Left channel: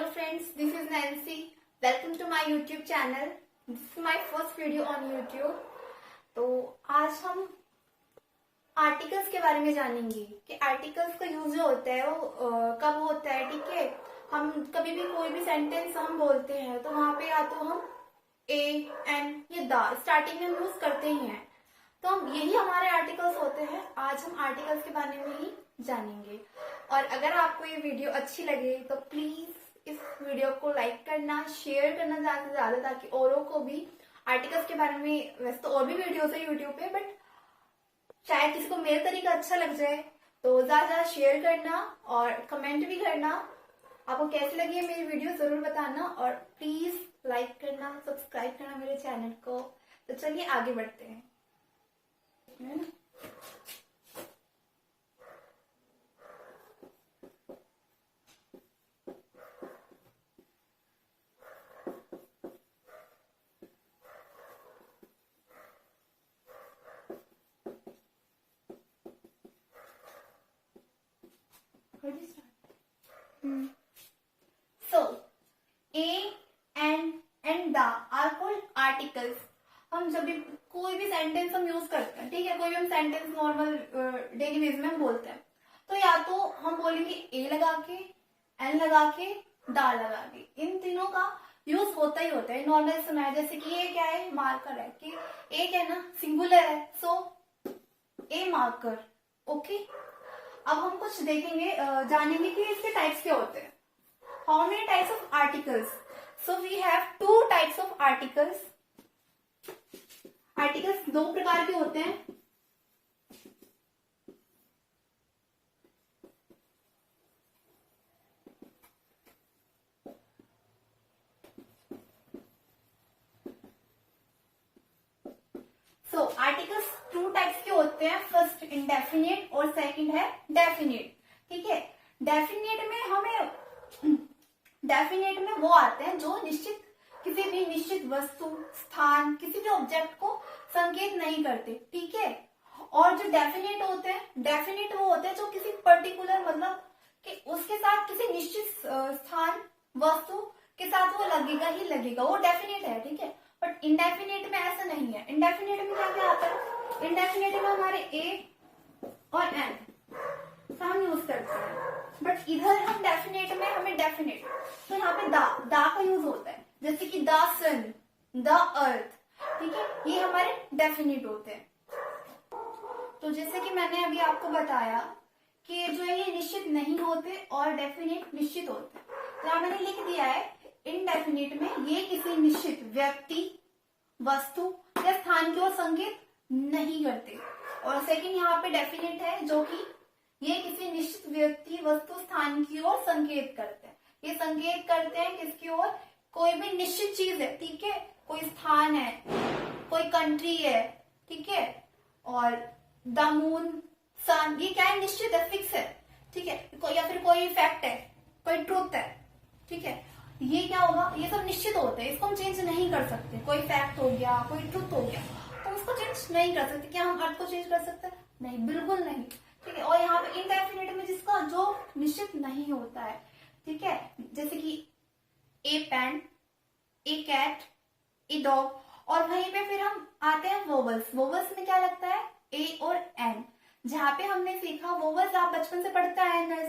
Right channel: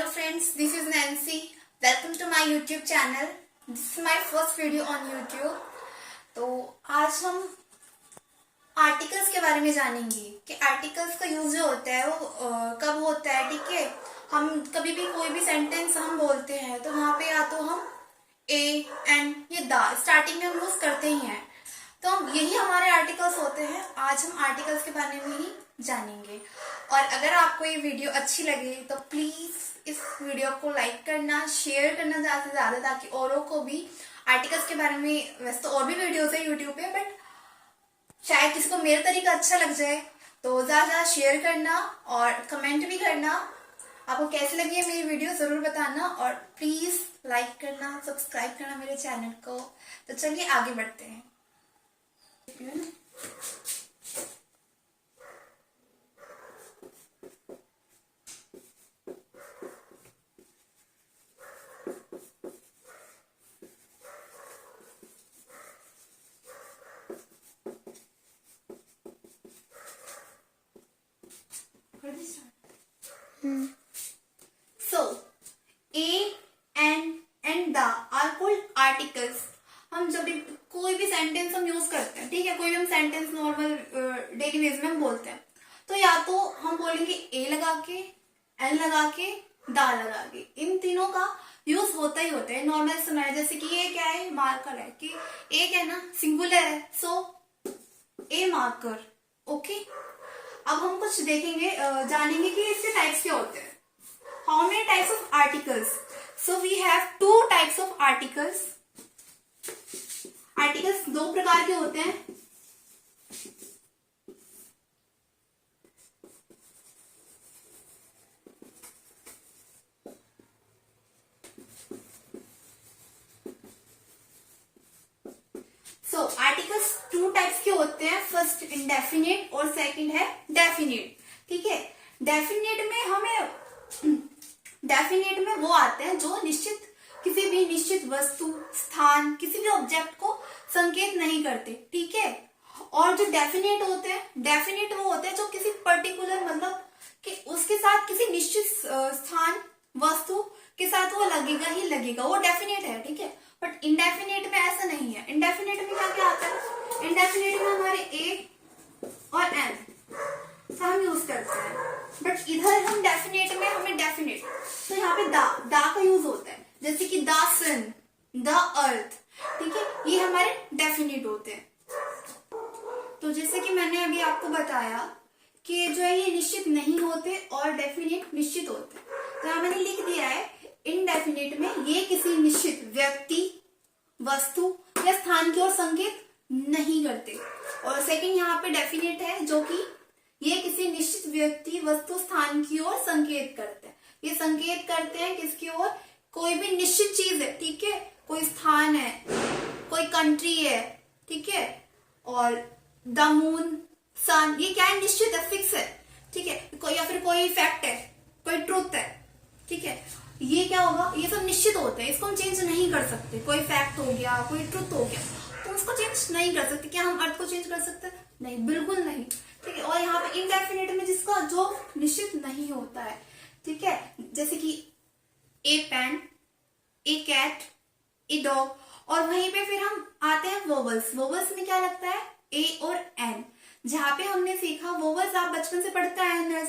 Hello friends, this is Nancy. Welcome to my YouTube channel. This is my first video on YouTube. तो आज हम articles के बारे में जानेंगे कि आर्टिकल्स का यूज जो होता है वो कब होता है। ठीक है, हम कभी भी कोई भी सेंटेंस हम बोलते हैं तो वहाँ पे या तो हम ए एंड ये द स्टार्टिंग में हम यूज करते ही हैं, तो हम यही हमारे आर्टिकल्स होते हैं। आज हम आर्टिकल्स के बारे में ही जानेंगे। और अगर आपको ये वीडियो अच्छी लगे तो प्लीज इस वीडियो को लाइक करना, शेयर करना ज़्यादा से ज़्यादा, ताकि औरों को भी आर्टिकल्स के बारे में, वैसे तो और भी वीडियोस है यूट्यूब पे, बट शायद किसी को मेरा तरीका अच्छा लग जाए, तो ज़्यादा शेयर करना और कमेंट भी करना। आपको कैसी लगी है मेरी वीडियो ज़रूर बताना, और प्लीज़ लाइक करना, सब्सक्राइब करना मेरे चैनल को। तो चलिए आगे बढ़ते हैं। So, A and the are called articles. हम जब भी कोई भी सेंटेंस हम यूज करते हैं, ठीक है, कोई भी हम सेंटेंस नॉर्मल डेली बेस में हम बोलते हैं, तो या तो हम बोलेंगे ए लगा के, एन लगा के, दा लगा के। इन तीनों का यूज होता ही होता है नॉर्मल समय। जैसे कि ये क्या है, मार्कर है, कि एक है ना सिंगुलर है, सो ए मार्कर। ओके, अब हम कुछ देखेंगे, जानेंगे कि इसके टाइप्स क्या होते हैं। How many types of articles? So we have two types of articles. Articles दो प्रकार के होते हैं। सो आर्टिकल्स टू टाइप्स के होते हैं। फर्स्ट इंडेफिनिट और सेकंड है डेफिनिट। ठीक है, डेफिनिट में वो आते हैं जो निश्चित, किसी भी निश्चित वस्तु, स्थान, किसी भी ऑब्जेक्ट को संकेत नहीं करते। ठीक है, और जो डेफिनेट होते हैं, डेफिनेट वो होते हैं जो किसी पर्टिकुलर, मतलब कि उसके साथ किसी निश्चित स्थान, वस्तु के साथ वो लगेगा ही लगेगा, वो डेफिनेट है। ठीक है, बट इंडेफिनेट में ऐसा नहीं है। इंडेफिनेट में क्या क्या आता है? इंडेफिनेट में हमारे ए और एन हम यूज करते हैं, बट इधर हम डेफिनेट में हमें डेफिनेट, तो यहाँ पे दा का यूज होता है। जैसे कि द सन, द अर्थ। ठीक है, ये हमारे डेफिनेट होते हैं। तो जैसे कि मैंने अभी आपको बताया कि जो है ये निश्चित नहीं होते और डेफिनेट निश्चित होते हैं। तो यहाँ मैंने लिख दिया है, इनडेफिनेट में ये किसी निश्चित व्यक्ति, वस्तु या स्थान की ओर संकेत नहीं करते। और सेकंड यहाँ पे डेफिनेट है, जो कि ये किसी निश्चित व्यक्ति, वस्तु, स्थान की ओर संकेत करते हैं। ये संकेत करते हैं किसकी ओर? कोई भी निश्चित चीज है। ठीक है, कोई स्थान है, कोई कंट्री है, ठीक है, और द मून, सन, ये क्या है? निश्चित है, फिक्स है। ठीक है, या फिर कोई फैक्ट है, कोई ट्रुथ है। ठीक है, ये क्या होगा? ये सब निश्चित होते हैं, इसको हम चेंज नहीं कर सकते। कोई फैक्ट हो गया, कोई ट्रुथ हो गया, तो उसको चेंज नहीं कर सकते। क्या हम अर्थ को चेंज कर सकते हैं? नहीं, बिल्कुल नहीं। ठीक है, और यहाँ पे इनडेफिनेट में जिसका जो निश्चित नहीं होता है। ठीक है, जैसे कि a pen, a cat, a dog. और वहीं पे फिर हम आते हैं वोवल्स। वोवल्स में क्या लगता है? ए और एन। जहाँ पे हमने सीखा वोवल्स, आप बचपन से पढ़ता है,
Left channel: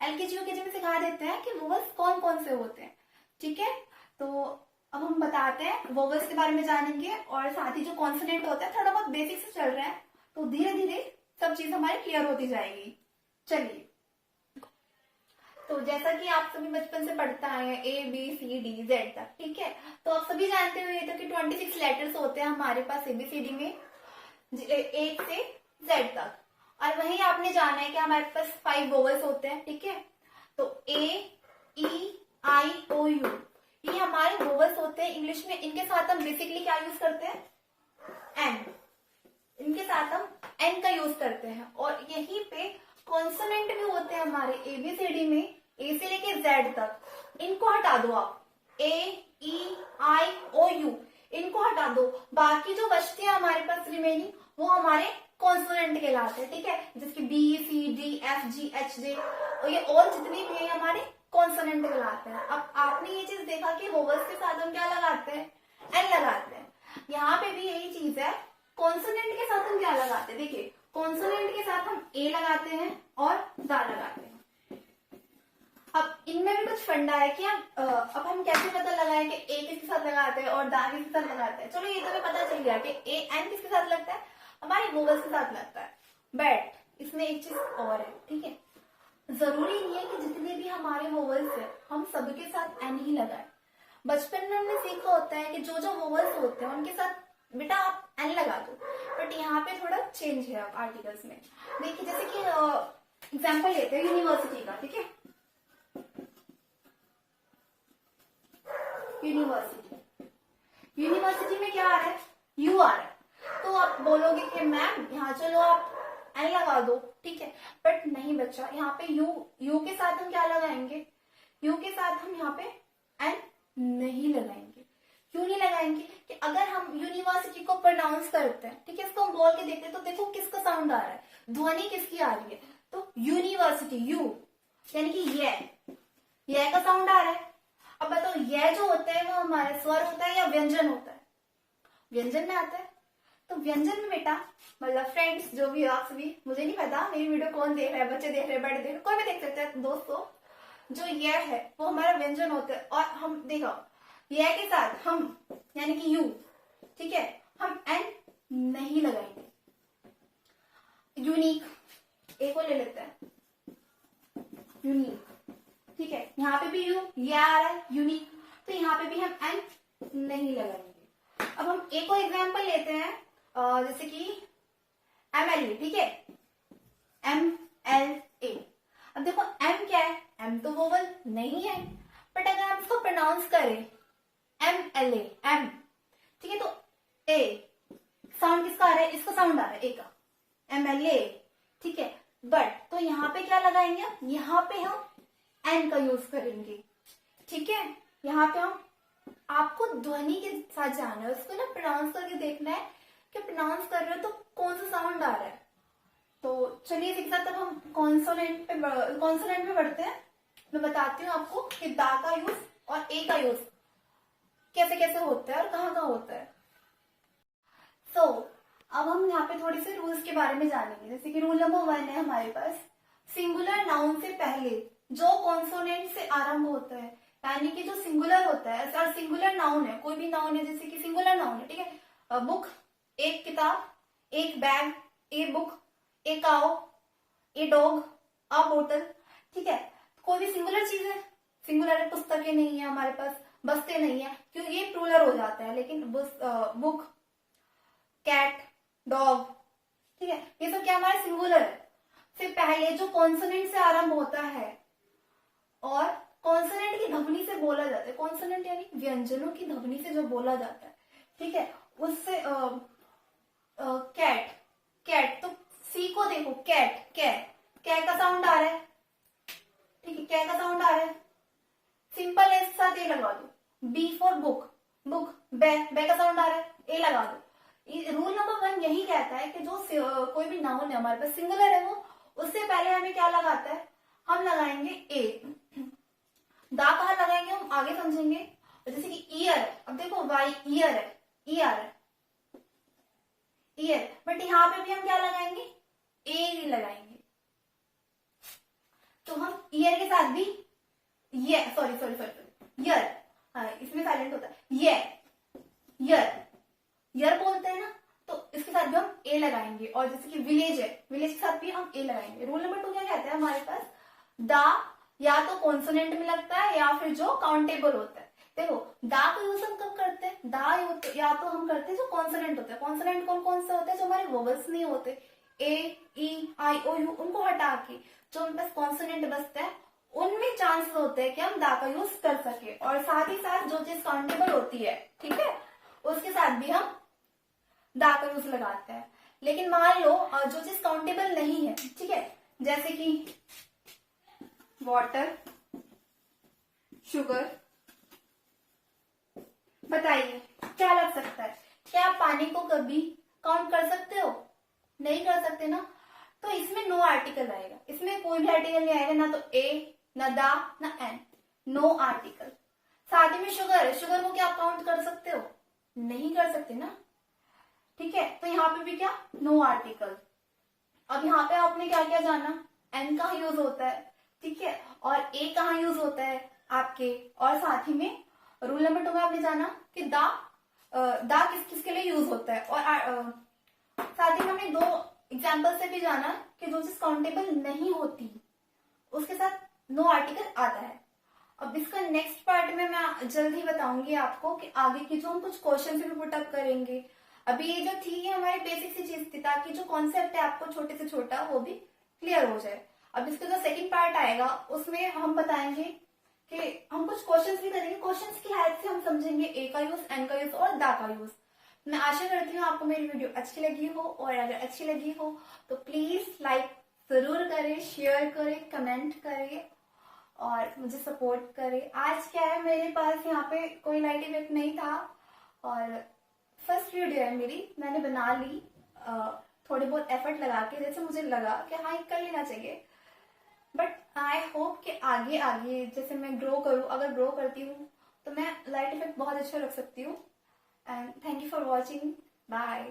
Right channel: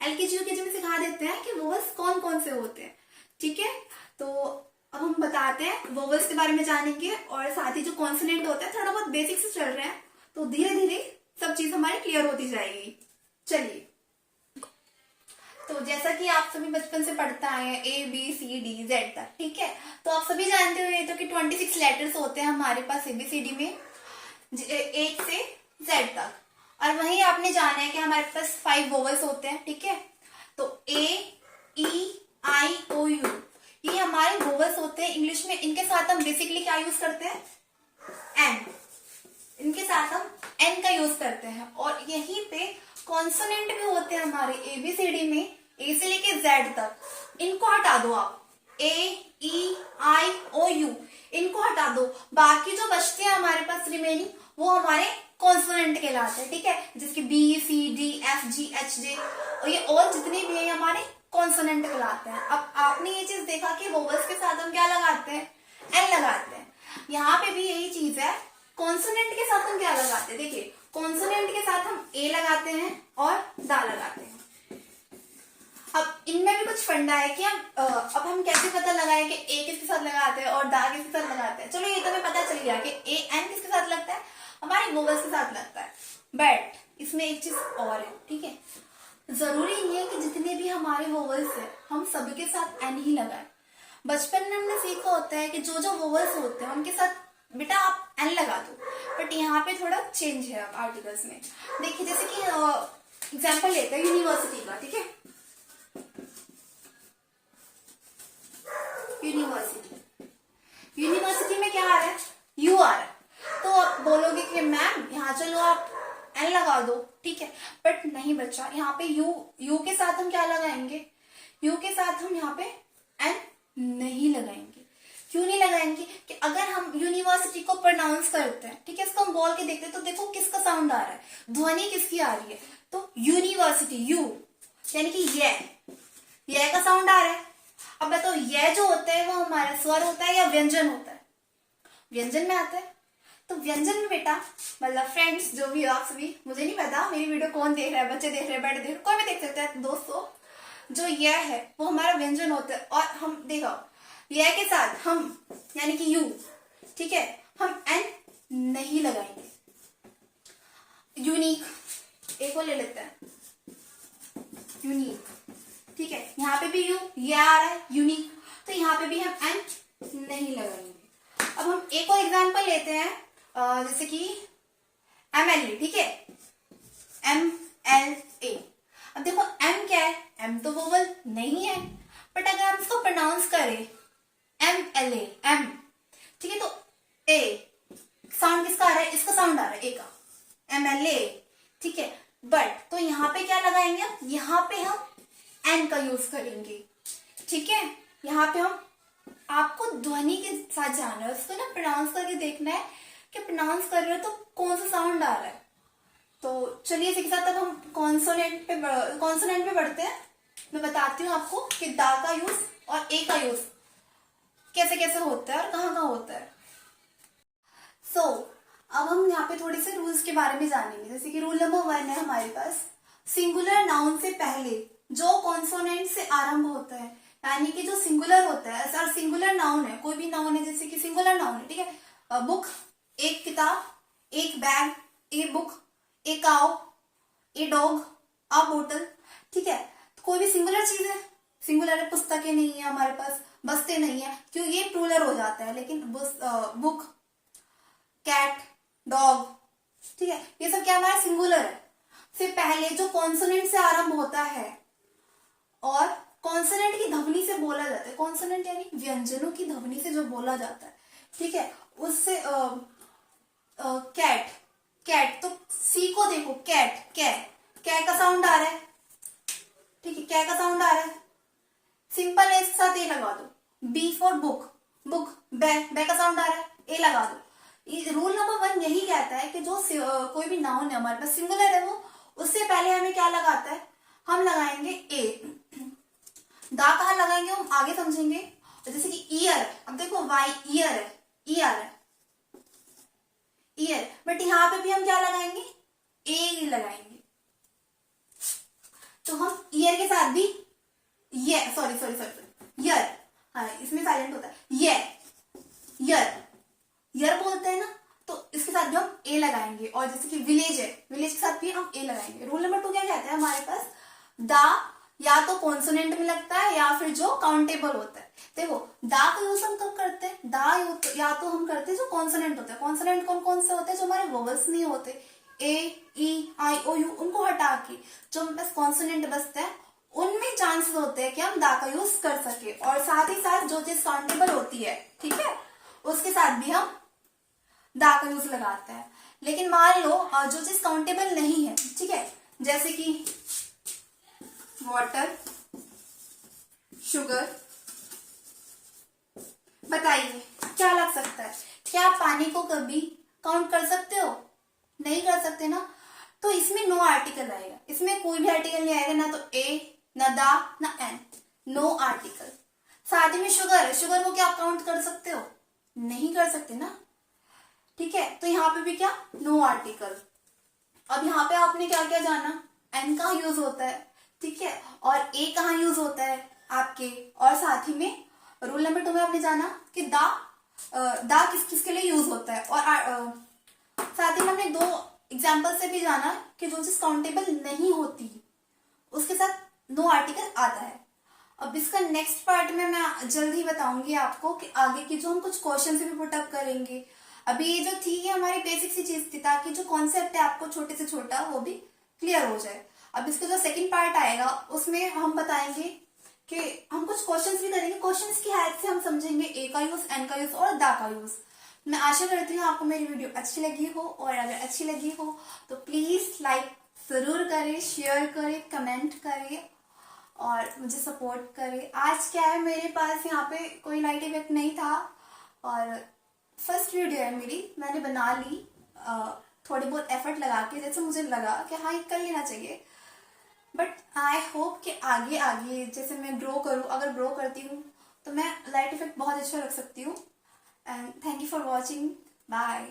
एलकेजी यूकेजी में सिखा देते हैं कि वोवल्स कौन कौन से होते हैं। ठीक है, तो अब हम बताते हैं, वोवल्स के बारे में जानेंगे, और साथ ही जो कॉन्सोनेंट होता है, थोड़ा बहुत बेसिक से चल रहे हैं, तो धीरे धीरे सब चीज हमारी क्लियर होती जाएगी। चलिए, तो जैसा कि आप सभी बचपन से पढ़ते आए हैं, A B C D Z तक। ठीक है, तो आप सभी जानते हुए तो कि 26 लेटर्स होते हैं हमारे पास ABCD में, 1 से Z तक। और वहीं आपने जाना है कि हमारे पास 5 वोवल्स होते हैं। ठीक है, तो A, E, I, O, U, ये हमारे वोवल्स होते हैं इंग्लिश में। इनके साथ हम बेसिकली क्या यूज करते हैं? एन। इनके साथ हम एन का यूज करते हैं। और यहीं पे कॉन्सोनेंट भी होते हैं हमारे ABCD में, ए से लेके जेड तक। इनको हटा दो आप, ए, ई, आई, ओ, यू, इनको हटा दो। बाकी जो बचते हैं हमारे पास रिमेनिंग, वो हमारे कॉन्सोनेंट कहलाते हैं। ठीक है, जिसके B C D F G H J, और ये और जितने भी हैं हमारे कॉन्सोनेंट कहलाते हैं। अब आपने ये चीज देखा कि वोवल्स के साथ हम क्या लगाते हैं, एन लगाते हैं। यहाँ पे भी यही चीज है, कॉन्सोनेंट के साथ हम क्या लगाते हैं, देखिए कॉन्सोनेंट के साथ हम ए लगाते हैं और दा लगाते हैं। अब इनमें भी कुछ फंडा है कि अब हम कैसे पता लगाएं कि ए किसके साथ लगाते हैं और दा किसके साथ लगाते हैं। चलो ये तो हमें पता चल गया कि ए एन किसके साथ लगता है, हमारे वोवल्स के साथ लगता है। बट इसमें एक चीज और है, ठीक है, जरूरी नहीं है कि जितने भी हमारे वोवल्स है हम सबके साथ एन ही लगाएं। बचपन में हमने सीखा होता है कि जो जो वोवल्स होते हैं उनके साथ बेटा आप एन लगा दो, बट यहाँ पे थोड़ा चेंज है अब आर्टिकल्स में। देखिए जैसे कि एग्जांपल लेते हैं यूनिवर्सिटी का, ठीक है, यूनिवर्सिटी में क्या आ रहा है, यू आ रहा है। तो आप बोलोगे कि मैम यहाँ चलो आप एन लगा दो, ठीक है, बट नहीं बच्चा, यहाँ पे यू के साथ हम क्या लगाएंगे, यू के साथ हम यहाँ पे एन नहीं लगाएंगे। क्यों नहीं लगाएंगे कि अगर हम यूनिवर्सिटी को प्रोनाउंस करते हैं, ठीक है, इसको हम बोल के देखते हैं तो देखो किसका साउंड आ रहा है, ध्वनि किसकी आ रही है, तो यूनिवर्सिटी, यू यानी कि ये का साउंड आ रहा है। अब बताओ ये जो होता है वो हमारा स्वर होता है या व्यंजन होता है, व्यंजन में आता है। तो व्यंजन में बेटा मतलब फ्रेंड्स जो भी आप सभी, मुझे नहीं पता मेरी वीडियो कौन देख रहा है, बच्चे देख रहे हैं, बड़े देख रहे हैं, कोई भी देख सकता है, दोस्तों जो यह है वो हमारा व्यंजन होता है। और हम देखो यह के साथ हम यानी कि यू, ठीक है, हम एन नहीं लगाएंगे। यूनिक एक को ले लेते हैं, यूनिक, ठीक है, यहाँ पे भी यू ये आ रहा है यूनिक, तो यहाँ पे भी हम एन नहीं लगाएंगे। अब हम एक और एग्जांपल लेते हैं, जैसे कि MLA, ठीक है, MLA। अब देखो एम क्या है, एम तो वोवल नहीं है, बट अगर हम इसको प्रोनाउंस करें MLA, एम, ठीक है, तो ए साउंड किसका आ रहा है, इसका साउंड आ रहा है ए का, MLA, ठीक है, बट तो यहाँ पे क्या लगाएंगे, यहाँ पे हम एन का यूज करेंगे, ठीक है। यहाँ पे हम आपको ध्वनि के साथ जाना है, उसको ना प्रोनाउंस करके देखना है कि प्रोनाउंस कर रहे हो तो कौन सा साउंड आ रहा है। तो चलिए इसी के साथ अब हम कॉन्सोनेंट पे बढ़ते हैं। मैं बताती हूँ आपको कि दा का यूज और ए का यूज कैसे कैसे होता है और कहाँ कहाँ होता है। अब हम यहाँ पे थोड़े से रूल्स के बारे में जानेंगे। जैसे कि रूल नंबर 1 है हमारे पास, सिंगुलर नाउन से पहले जो कॉन्सोनेंट से आरंभ होता है, यानी कि जो सिंगुलर होता है, ऐसा सिंगुलर नाउन है, कोई भी नाउन है, जैसे कि सिंगुलर नाउन है, ठीक है, बुक एक किताब, एक bag, a book, a cow, a dog, a बोतल, ठीक है, कोई भी सिंगुलर चीज है, सिंगुलर है, पुस्तकें नहीं है हमारे पास, बस्ते नहीं है, क्यों ये प्लूरल हो जाता है, लेकिन बुक, कैट, डॉग, ठीक है, ये सब क्या हमारा सिंगुलर है। से पहले जो कॉन्सोनेंट से आरंभ होता है और कॉन्सोनेंट की ध्वनि से बोला जाता है, कॉन्सोनेंट यानी व्यंजनों की ध्वनि से जो बोला जाता है, ठीक है, उससे कैट, कैट, तो सी को देखो, कैट, कै का साउंड आ रहा है, ठीक है, कै का साउंड आ रहा है, सिंपल है, इसके साथ ए लगा दो। बी फॉर बुक, बुक, बै का साउंड आ रहा है, ए लगा दो। रूल नंबर 1 यही कहता है कि जो कोई भी नाउन है हमारे पास सिंगुलर है, वो उससे पहले हमें क्या लगाता है, हम लगाएंगे ए। दा कहाँ लगाएंगे हम आगे समझेंगे। जैसे कि ईयर, अब देखो वाई ईयर है, ई आ रहा है, ईयर, बट यहाँ पे भी हम क्या लगाएंगे, ए लगाएंगे। तो हम ईयर के साथ भी ये सॉरी ईयर, हाँ इसमें साइलेंट होता है, यर बोलते हैं ना, तो इसके साथ भी हम ए लगाएंगे। और जैसे कि विलेज है, विलेज के साथ भी हम ए लगाएंगे। रूल नंबर 2 क्या कहता है हमारे पास, दा या तो कॉन्सोनेंट में लगता है या फिर जो काउंटेबल होता है। देखो दा का यूज हम कब करते हैं, दा या तो हम करते हैं जो कॉन्सोनेंट होता है। कॉन्सोनेंट कौन कौन से होते हैं, जो हमारे वोवल्स नहीं होते, ए, ई, आई, ओ, यू, उनको हटा के जो हमारे पास कॉन्सोनेंट बचता है, उनमें चांसेस होते हैं कि हम दा का यूज कर सके। और साथ ही साथ जो चीज काउंटेबल होती है, ठीक है, उसके साथ भी हम दा का यूज लगाते हैं। लेकिन मान लो जो चीज काउंटेबल नहीं है, ठीक है, जैसे कि वाटर, शुगर, बताइए क्या लग सकता है, क्या आप पानी को कभी काउंट कर सकते हो, नहीं कर सकते ना। तो इसमें नो आर्टिकल आएगा, इसमें कोई भी आर्टिकल नहीं आएगा, ना तो ए, ना दा ना एन, नो आर्टिकल। साथ ही में शुगर है, शुगर को क्या आप काउंट कर सकते हो? नहीं कर सकते ना, ठीक है। तो यहाँ पे भी क्या, नो आर्टिकल। अब यहाँ पे आपने क्या क्या जाना, एन कहाँ यूज होता है, ठीक है, और ए कहाँ यूज होता है आपके, और साथ ही में रूल नंबर 2 में आपने जाना कि दा किस किस के लिए यूज होता है, और साथ ही में हमने 2 एग्जाम्पल से भी जाना कि जो चीज काउंटेबल नहीं होती उसके साथ नो आर्टिकल आता है। अब इसका नेक्स्ट पार्ट में मैं जल्द ही बताऊंगी आपको कि आगे की जो हम कुछ क्वेश्चन भी पुटअप करेंगे। अभी ये जो थी ये हमारी बेसिक सी चीज थी, ताकि जो कॉन्सेप्ट है आपको छोटे से छोटा वो भी क्लियर हो जाए। अब इसका जो सेकंड पार्ट आएगा उसमें हम बताएंगे कि हम कुछ क्वेश्चंस भी करेंगे, क्वेश्चंस की हेल्प से हम समझेंगे ए का यूज, एन का यूज और दा का यूज। मैं आशा करती हूँ आपको मेरी वीडियो अच्छी लगी हो, और अगर अच्छी लगी हो तो प्लीज लाइक जरूर करें, शेयर करें, कमेंट करें और मुझे सपोर्ट करें। आज क्या है, मेरे पास यहाँ पे कोई लाइट इफेक्ट नहीं था और फर्स्ट वीडियो है मेरी, मैंने बना ली थोड़ी बहुत एफर्ट लगा के, जैसे मुझे लगा कि हाँ ये कर लेना चाहिए। बट आई होप कि आगे आगे जैसे मैं ग्रो करूँ, अगर ग्रो करती हूँ तो मैं लाइट इफेक्ट बहुत अच्छा रख सकती हूँ। And thank you for watching, bye.